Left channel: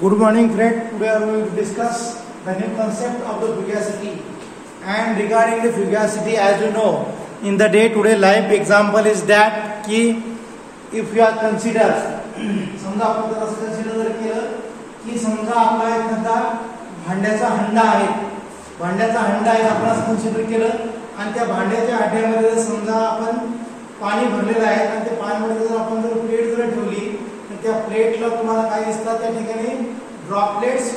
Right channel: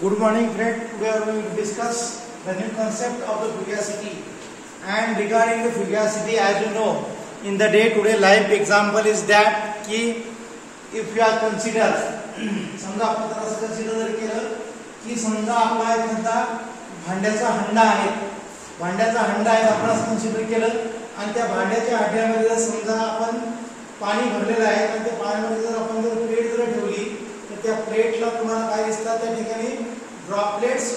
Good morning, friend. Today we will discuss the new concept of the fugacity. And regarding the fugacity, as you know, in the day-to-day life example is that कि if you are consider, समजा आपण जर असं consider जर केलं की समजा आपला एखादा भांड्याचा हंडा आहे, आपण असं consider केलं आणि त्या भांड्याच्या हांड्यामध्ये जर समजा आपण पाणी भरलेलं आहे आणि त्या पाण्यामध्ये जर आपण जर प्लेट जर ठेवली त्या प्लेटला तुम्हाला काय दिसतात त्या ठिकाणी ड्रॉपलेट्स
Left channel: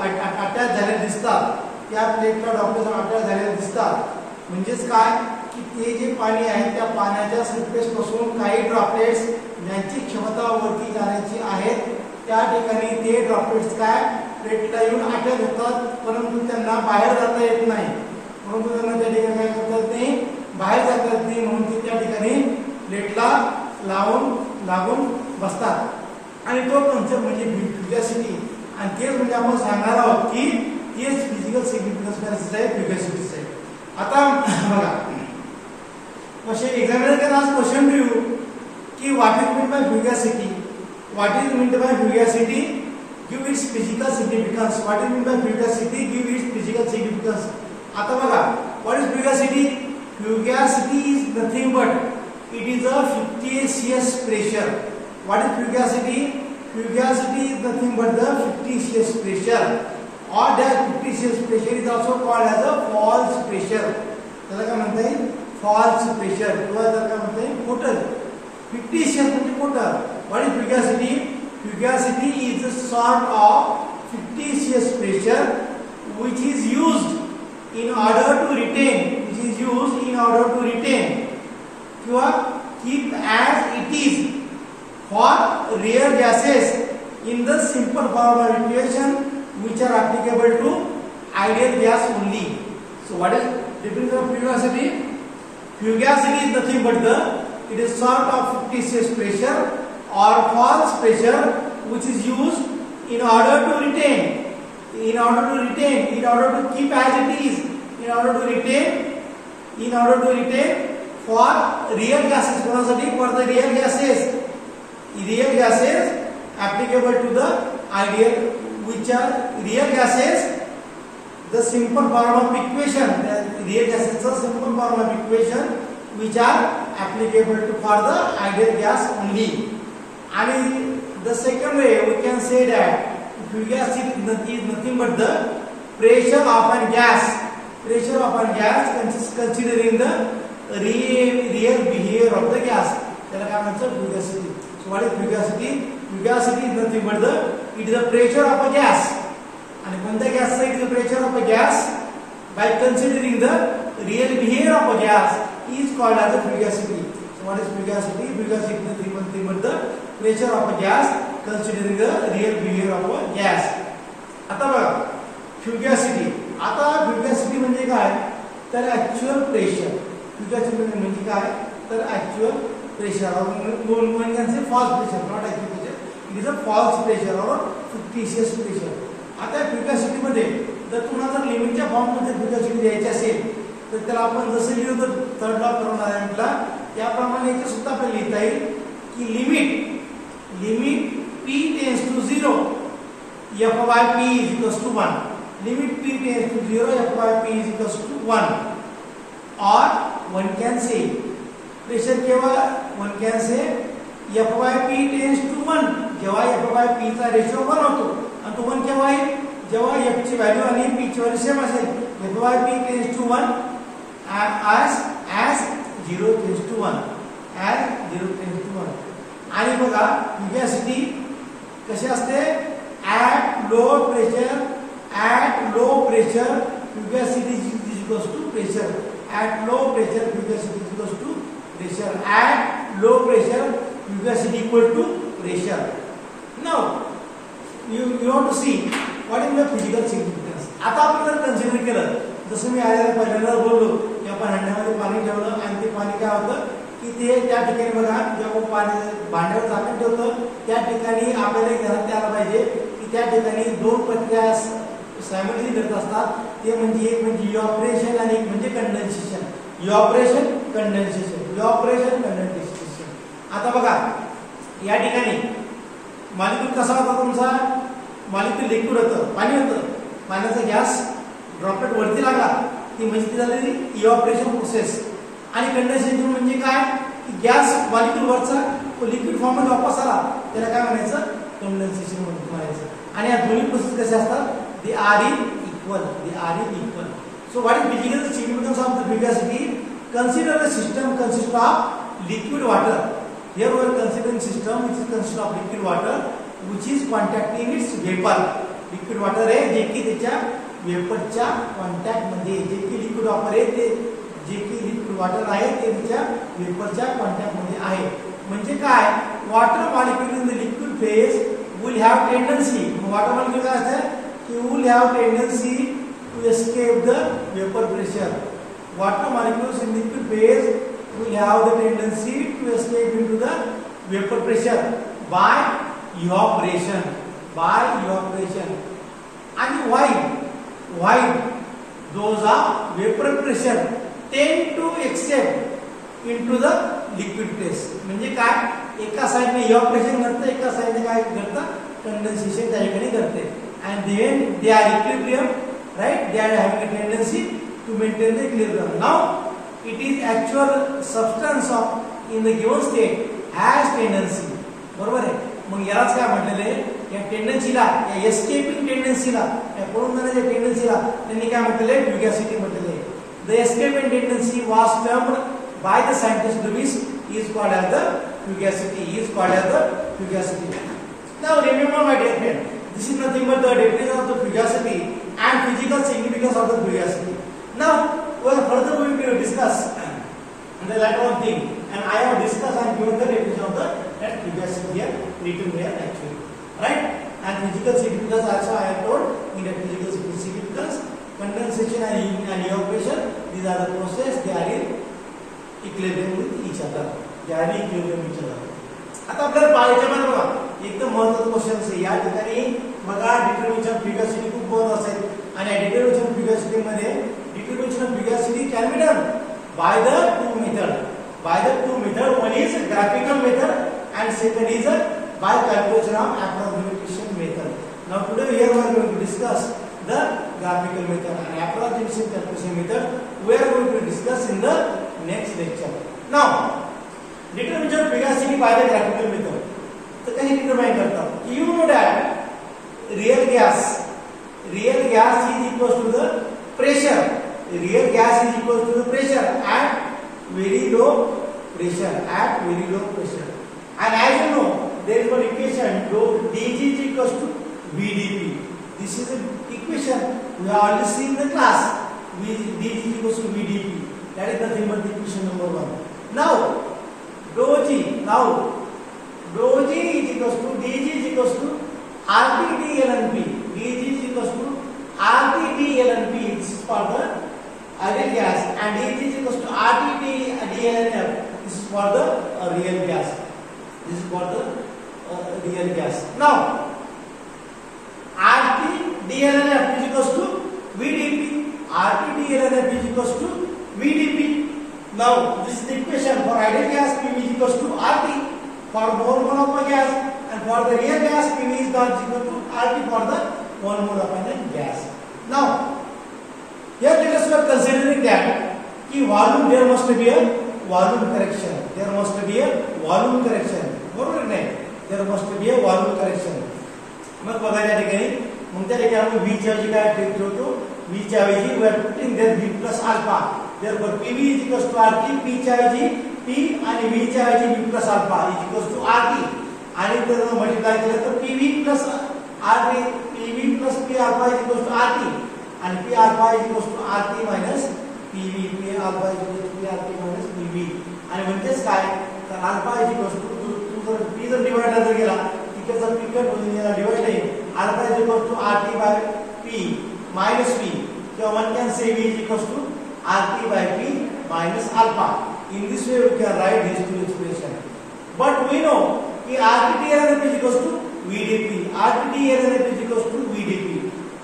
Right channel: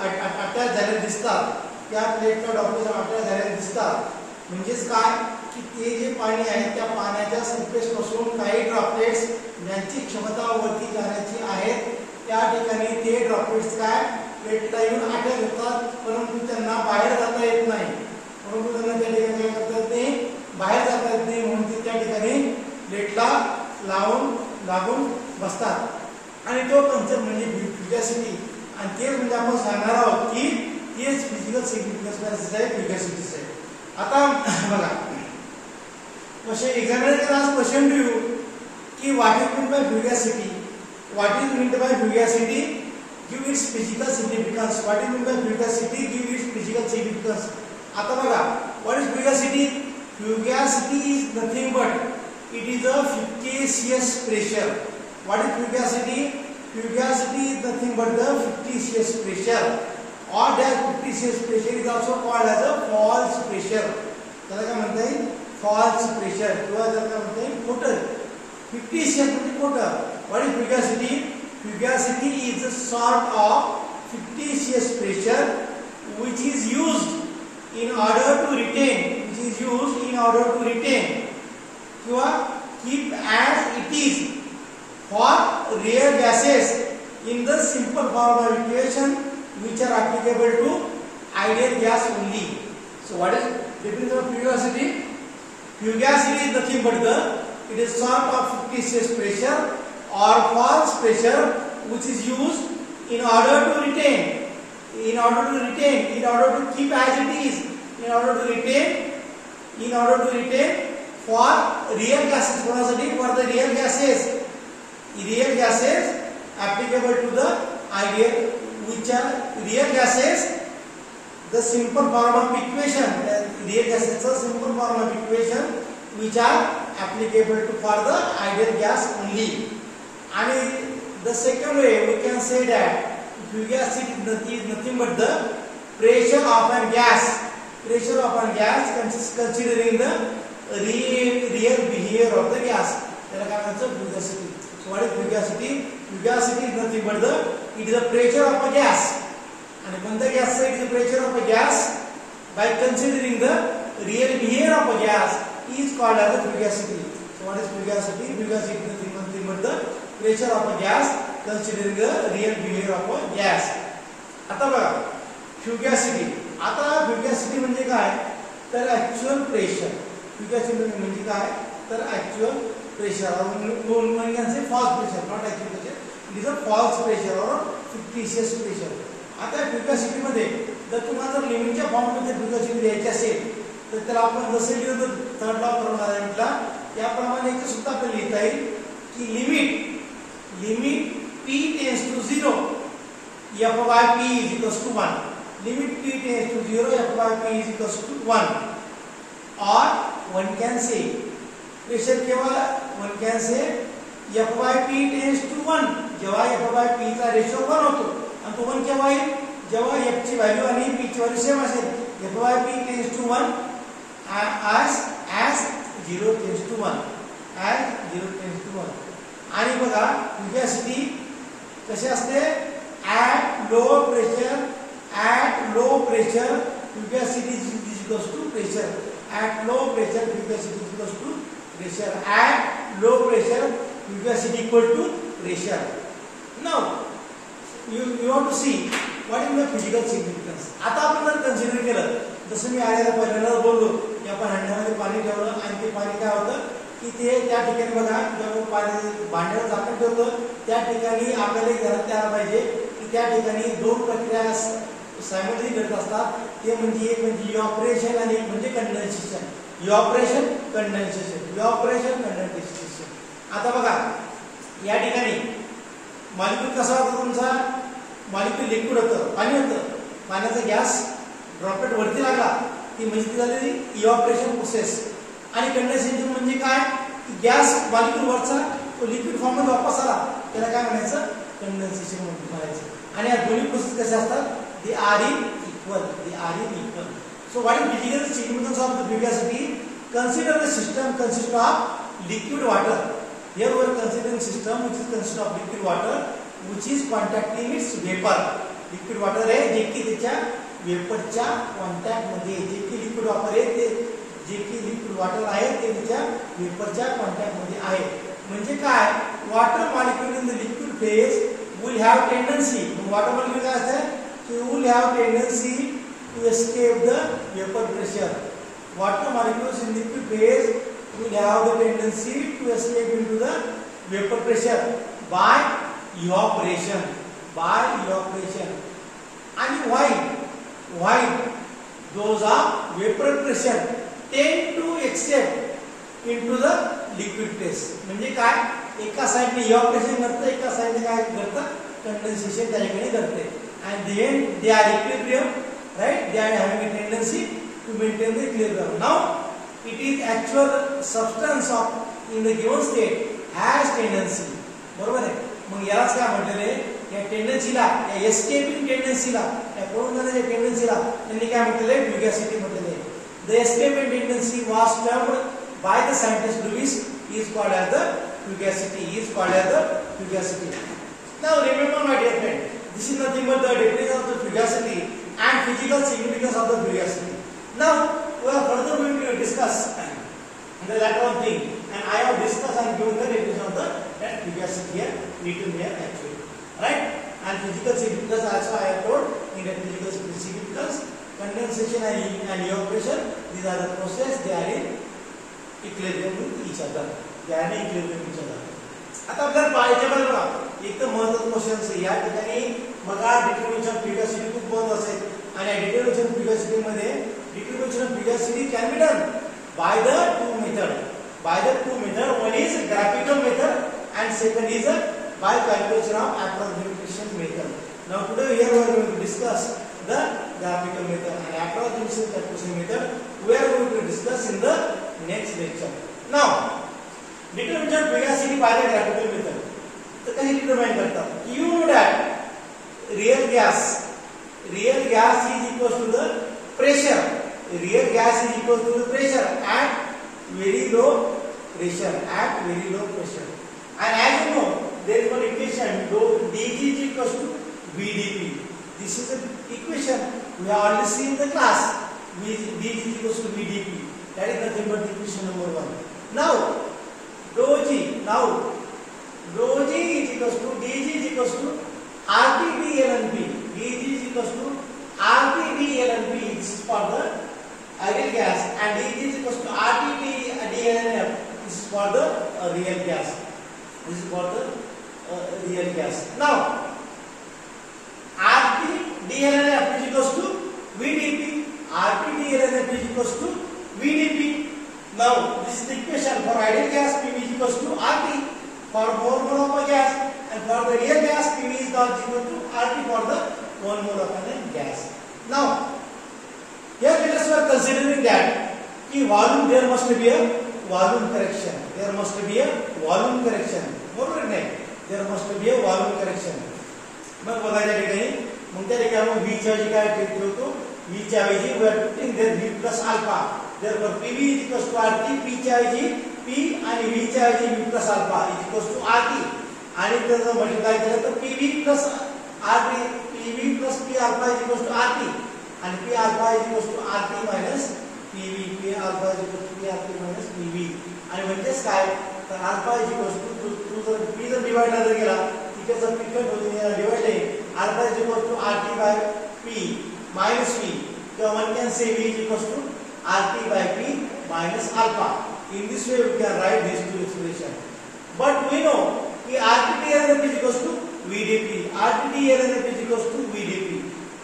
अटॅच झालेले दिसतात. त्या प्लेटला ड्रॉपलेट्स अटॅच झालेले दिसतात म्हणजेच काय की ते जे पाणी आहे त्या पाण्याच्या सरफेस पासून काही ड्रॉपलेट्स ज्यांची क्षमता वरती जाण्याची आहेत त्या ठिकाणी ते ड्रॉपलेट्स काय प्लेटला येऊन अटॅच होतात, परंतु त्यांना बाहेर जाता येत नाही. परंतु त्यांना त्या ठिकाणी काय करता येत नाही, बाहेर जाता येत नाही, म्हणून ते त्या ठिकाणी प्लेटला लागून बसतात. आणि तो कन्सेप्ट म्हणजे फ्युगॅसिटी. आणि ते म्हणजे आपण सांगणार आहोत की तेच फिजिकल सिग्निफिकन्स आहे फ्युगॅसिटीचं आहे. आता बघा question examiner can ask question to you की what is mean by fugacity, what is mean by fugacity, give its physical significance. What is mean by fugacity, give its physical significance. आता बघा what is fugacity. Fugacity is nothing but it is a fictitious pressure. What is fugacity? Fugacity is nothing but the fictitious pressure, or that fictitious pressure is also called as a false pressure. त्याला काय म्हणता येईल, false pressure किंवा त्याला काय म्हणता येईल, खोटं. fictitious म्हणजे खोटं. What is fugacity? Fugacity is a sort of fictitious pressure which is used in order to retain किंवा keep as it is for real gases in the simple form of equation which are applicable to ideal gas only. So what is definition of fugacity? Fugacity is nothing but it is sort of fictitious pressure or false pressure which is used in order to keep as it is, in order to retain for real gases. For the real gases applicable to the ideal, which are real gases, the simple form of equation, the real gases are simple form of equation which are applicable to for the ideal gas only. And the second way we can say that fugacity is nothing but the pressure of a gas considering the real behavior of the gas. त्याला काय म्हणतात fugacity. So what is fugacity? Fugacity is nothing but it is a pressure of a gas. आणि कोणत्या गॅसचा it is a pressure of a gas by considering the real behavior of a gas is called as a fugacity. So what is fugacity? Fugacity is nothing but the pressure of a gas considering the real behavior of a gas. आता बघा fugacity. आता fugacity म्हणजे काय तर actual pressure. फ्युगॅसिटी म्हणजे काय तर actual pressure one can say false pressure, not actual pressure. It is a false pressure or fictitious pressure. आता फ्युगॅसिटी मध्ये जर तुम्हाला जर लिमिटच्या फॉर्म मध्ये फ्युगॅसिटी द्यायची असेल तर त्याला आपण जसं लिहितो थर्ड लॉ परमनंटला त्याप्रमाणे इथे सुद्धा आपल्याला लिहिता येईल की limit p tends to 0 f by p is equals to 1. Limit p tends to 0 f by p is equals to 1. or one can say pressure केवळ one can say f by p tends to 1 जेव्हा f by p चा ratio 1 होतो आणि तो 1 केव्हा आहे जेव्हा f ची व्हॅल्यू आणि p ची व्हॅल्यू सेम असेल. f by p tends to 1 as 0 tends to 1 आणि बघा फ्युगॅसिटी कशी असते at low pressure fugacity is equals to pressure. At low pressure fugacity is equals to pressure. At low pressure fugacity equal to pressure. Now you have to see what is the physical significance. आता आपण जर consider केलं जसं मी आधी पहिल्यांदा बोललो की आपण हंड्यामध्ये पाणी ठेवलं आणि ते पाणी काय होतं की ते त्या ठिकाणी बघा जेव्हा पाणी भांड्यावर झाकण ठेवतो त्या ठिकाणी आपल्याला ध्यानात द्यायला पाहिजे की त्या ठिकाणी दोन प्रक्रिया सायमल्टेनियसली घडत असतात. ते म्हणजे एक म्हणजे इव्हॅपोरेशन आणि एक म्हणजे कंडेन्सेशन. Evaporation condensation. आता बघा या ठिकाणी मॉलिक्यूल कसा होता तुमचा, मॉलिक्यूल वरती लिक्विड होतं, पाणी होतं, पाण्याचा गॅस ड्रॉपलेट वरती लागला ती म्हणजे झालेली इव्हॅपोरेशन प्रोसेस. आणि कंडेन्सेशन म्हणजे काय की गॅस मॉलिक्यूल वरचा लिक्विड फॉर्म मध्ये वापस आला त्याला काय म्हणायचं कंडेन्सेशन म्हणायचं. आणि या दोन्ही प्रोसेस कशा असतात they are in equal, they are in equal. So what is physical significance of the fugacity? Consider the system consists of liquid water. Here we are considering system which is consists of liquid water which is contacting its vapor. Liquid water है जे की त्याच्या वेपरच्या contact मध्ये, जे की liquid water आहे ते, जे की liquid water आहे ते त्याच्या वेपरच्या कॉन्टॅक्ट मध्ये आहे. म्हणजे काय water molecule in the liquid phase will have tendency, water molecule काय असतं की will have tendency to escape the vapour pressure. Water molecules in liquid phase will have the tendency to escape into the vapor pressure by evaporation. By evaporation. And why those are vapor pressure tend to escape into the liquid phase. म्हणजे काय एका साइडने evaporation करते, एका साइडने काय करतं condensation त्या ठिकाणी करते. And then they are equilibrium, right? They are having a tendency to maintain the equilibrium. Now it is actual substance of in the given state has tendency. बरोबर आहे. मग यालाच काय म्हटलेले या टेंडन्सीला, या एस्केपिंग टेंडन्सीला, या पळून जाण्याच्या टेंडन्सीला त्यांनी काय म्हटलेले फ्युगासिटी म्हटलेले. The escaping tendency was termed by the scientist Lewis is called as the fugacity, is called as the fugacity. Now remember my dear friend, this is nothing but the definition of the fugacity and physical significance of the fugacity. Now we are further going to discuss the latter thing, and I have discussed and given the definition of the fugacity here written here actually, right? And physical significance also I have told in the physical significance, condensation and evaporation, these are the process, they are in equilibrium with each other, they are in equilibrium with each other. आता आपल्याला पाहायचे बघा एकदम महत्त्वाचा question आहे या ठिकाणी बघा. डिटर्मिनेशन फ्युगासिटी खूप महत्त्वाचं असेल आणि डिटर्मिनेशन फ्युगासिटी मध्ये determination of fugacity can be done by the two method. One is graphical method and second is by calculation of approximation method. Now today here we are going to discuss the graphical method and approximation calculation method. We are going to discuss in the next lecture. Now determination of fugacity by the graphical method. तो कहीं determine करता है. You know that real gas is equal to the pressure. Real gas is equal to the pressure at very low pressure, and as you know there is one equation dg is equal to vdp. This is an equation we have already seen in the class. dg is equal to vdp, that is nothing but equation number 1. Now rho g is equal to dg is equal to rt d ln p. dg is equal to rt d ln p. This is for the ideal gas, and dg is equal to rt d ln f. This is for the real gas. This is for the real gas. Now rt d ln f is equal to vdp. rt d ln f is equal to vdp. Now this is the equation for ideal gas. P is equal to rt for more mole of a gas, and for the real gas P is equal to rt for the 1 mole of a gas. Now here let us considering that कि volume there must be a volume correction. There must be a volume correction. बरोबर नाही? There must be a volume correction. मग बघायच्या ठिकाणी मग त्या ठिकाणी आपण v च्या ऐवजी काय ट्रीट करतो? v च्या ऐवजी we are putting there v plus alpha. Therefore pv is equal to rt. p च्या ऐवजी p आणि v च्या ऐवजी v plus alpha is equal to rt. आणि जर मल्टिप्लाय केलं तर pv plus rt, pv plus p alpha is equal to rt. and p alpha is equal to rt minus pv. p alpha is equal to p rt minus pv. आणि म्हणजेच काय तर alpha is equal to p जर divide जर केला इकडचा p cut होईल divide आहे alpha is equal to rt by p minus p. So one can say v is equal to rt by p minus alpha. In this way we can write these two expression. But we know कि rt ln f is equal to vdp. rt ln f is equal to vdp.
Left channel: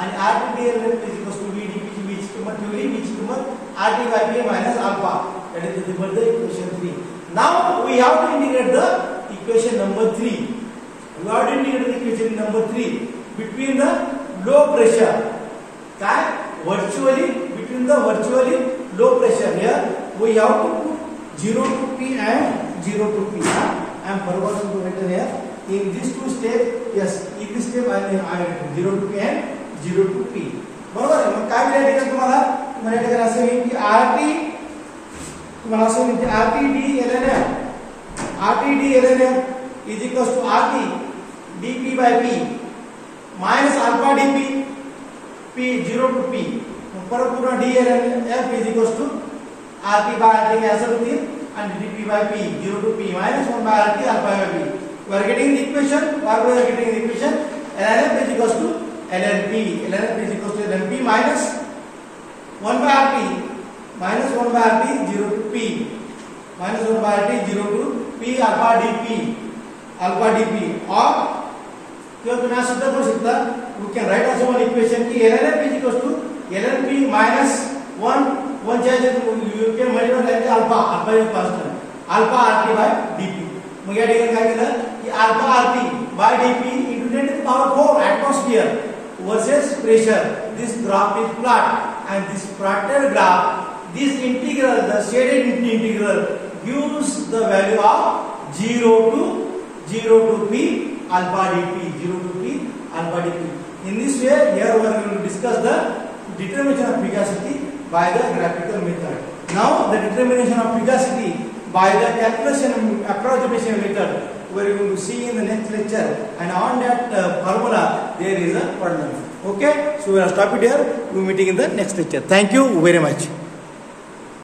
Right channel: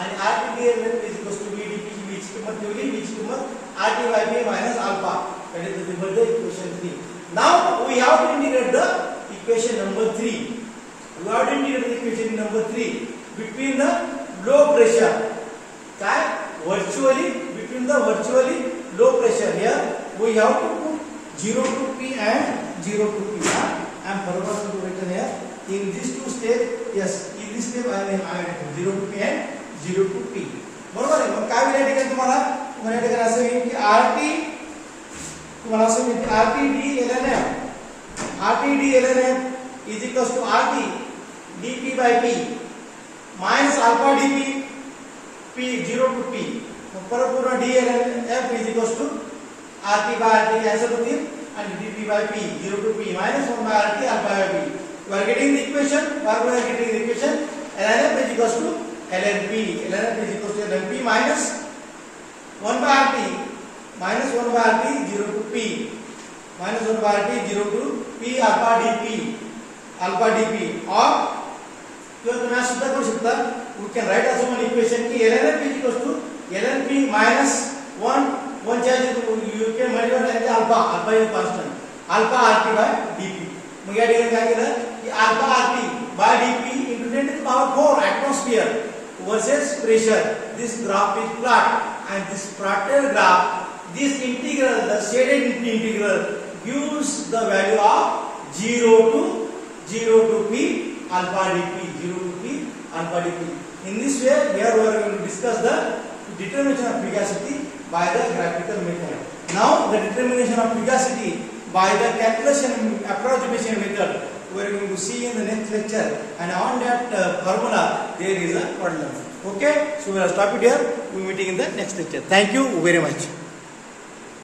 and rt ln f is equal to vdp ची बीच किंमत ठेवली, बीच किंमत rt by p minus alpha. That is the equation 3. Now we have to integrate the equation number 3. We have to integrate the equation number 3. between the low pressure. Virtually between the virtually low pressure. Here we have to put 0 to P and 0 to P. I am forgotten to write here. In these two steps, yes, in this step I am 0 to P and 0 to P. बरोबर आहे. मग काय मिळाले तुम्हाला तुम्हाला असं आहे की RT तुम्हाला असं मिळते RT d ln RT d ln is equals to RT dP by P minus alpha dP P 0 to P. परत पूर्ण d ln F is equals to RT by RT ऐसा होती and dP by P 0 to P minus 1 by RT alpha by P. We are getting the equation. We are getting the equation. ln F is equals to ln P. ln F is equals to ln P minus 1 by RT minus 1 by RT 0 to P minus 1 by RT 0 to P alpha dP or किंवा तुम्ही असं सुद्धा करू शकता. We can write also one equation की ln F is equals to ln P minus 1 च्या you can multiply alpha is constant alpha RT by dP. मग या ठिकाणी काय केलं की alpha RT by dP into 10 to the power 4 atmosphere versus pressure. This graph is plot and this plotted graph, this integral, the shaded integral gives the value of 0 to P alpha dP, 0 to P alpha dP. In this way, here we are going to discuss the determination of fugacity by the graphical method. Now, the determination of fugacity by the calculation approximation method we are going to see in the next lecture, and on that formula there is a problem. Okay, so we will stop it here. We will meeting in the next lecture. Thank you very much.